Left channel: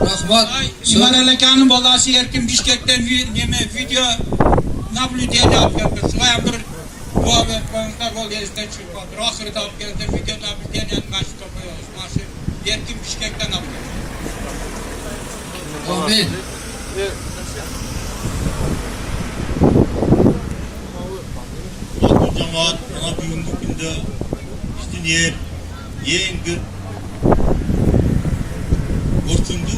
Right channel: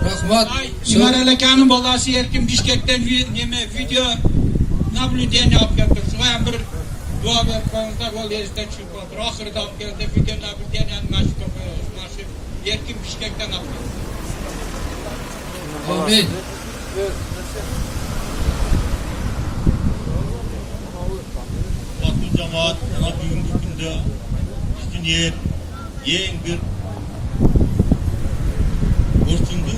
Rahmat. İman Alekan'ın balası erkin Bişkek'ten video nablüdeni yapıyordu. Şuaya bir dua vermekte bol yeristen çıkmadı. Ahırda geldi video nablüdeni yapması kopuyoruz. Maşı erkin Bişkek'ten yapıyor. Amin. Bu cemaat ana bugünkü günde üstün yeğengir ortundu.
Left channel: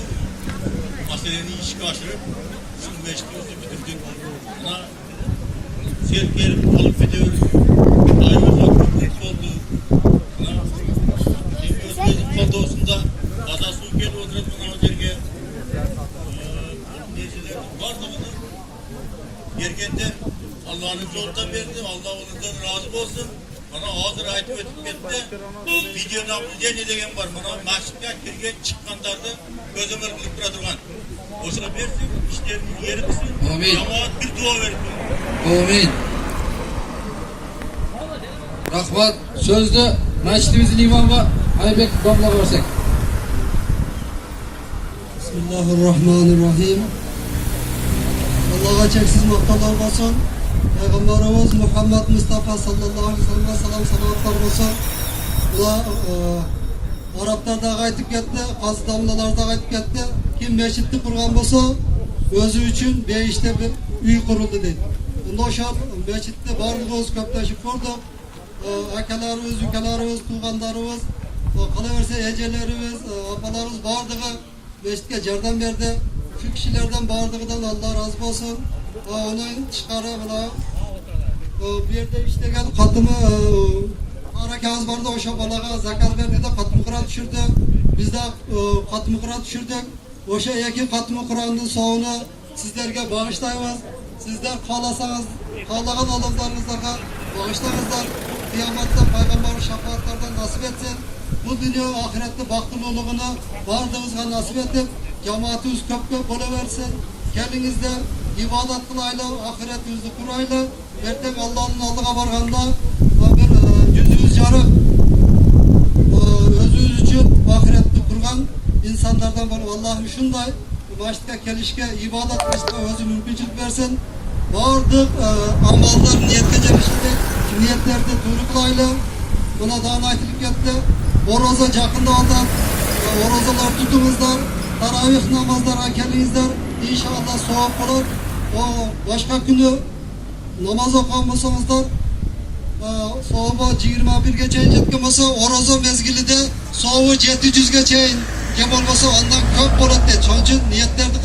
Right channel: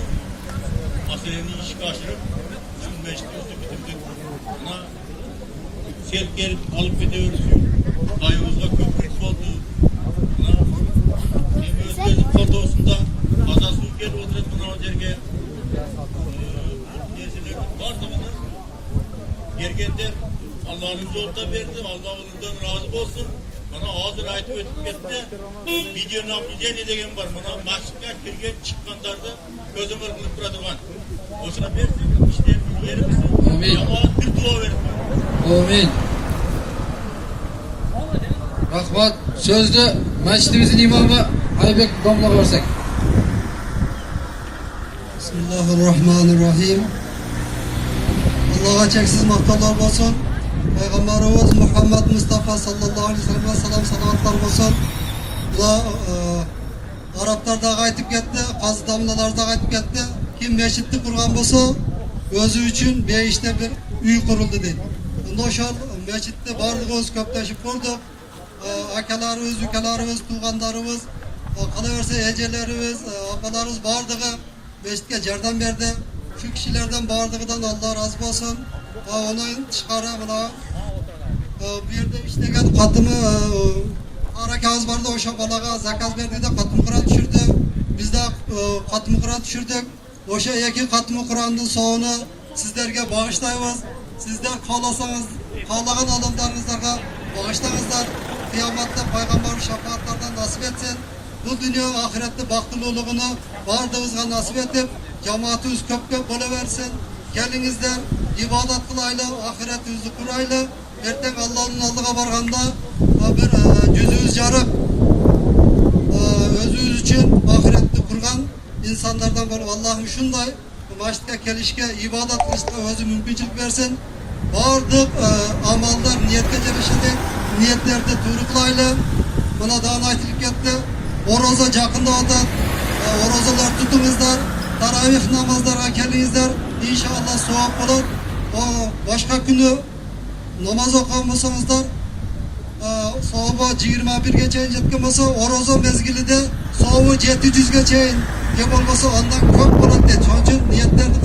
Meseleni işe aşırıp şu meşgulü bitirdik. Ana sevk gelip alıp gidiyoruz. Ayımızda köprük oldu. Özgözlük fotosunda kaza su geldi oturuz buna o derge. Neyseler vardığını yergende Allah'ın yolda verdi. Allah ondan razı olsun. Bana hazır ayet ötüp gitti. Videonun yapınca ne degen var? Bana mahşikler kirgen çıkkanlarda gözüm ırkılıp duran. O sıra versin, işte yerimiz. Amin. Cemaat bir dua verir. Amin. Rahmat. Sözde mescidimizin imamı Aybek Damla versak. Bismillahirrahmanirrahim. Allah'a çeksiz maktalar olsun. Peygamberimiz Muhammed Mustafa sallallahu aleyhi ve sellem salavatlar olsun. Bu da Araplar da qaytib ketdi, qazı damlalar da qaytib ketdi. Kim meşitni qurgan bo'lsa, o'zi uchun beshta bir uy qurildi dedi. Bunda o'sha meşitni barligimiz ko'plashib ko'rdik. Akalarimiz, ukalarimiz, tuğanlarimiz, qalaversa ejelerimiz, opalarimiz bardig'i meşitga yordam berdi. Şu kişilerden bardig'idan Allah razı olsun. Onu çıkarı bana bir yerde işleyen katımı harakaz vardı o şabalaga zakaz verdi de katımı Kur'an düşürdü. Biz de katımı Kur'an düşürdük. O şey iki katımı Kur'an'ın sonunu sizlerge bağışlayınız. Sizler kalasanız, kalagan adamlarınızlara bağışlayınızlar. Kıyamatta peygamber şefaatlerden nasip etsin. Bu dünya ahirette baktılılığını vardığınızga nasip edip cemaatimiz köp buluversin. Gelinizler ibadet kılayla, ahiretinizi kurayla. Erten Allah'ın aldığa varganda bir yüzünüz yarık özünüz için ahirette kurgan insanlardan var. Allah'ım şunday başta kelişke ibadet kılışta özü mümkünçülük versin. Vardık amallar niyetke cemişinde niyetlerde turuklayla buna daha aytılıp gitti. Oroza yakında aldı. Orozalar tutumuzlar. Taravih namazlara gelinizler. İnşallah soğuk olur. O başka günü namaz okumasanızlar soğuğu 21'ge çeyin jetken olsa orozo mezgili de soğuğu 700'ge çeyin gem olmasa ondan köp olur dedi. Onun için niyetlerdi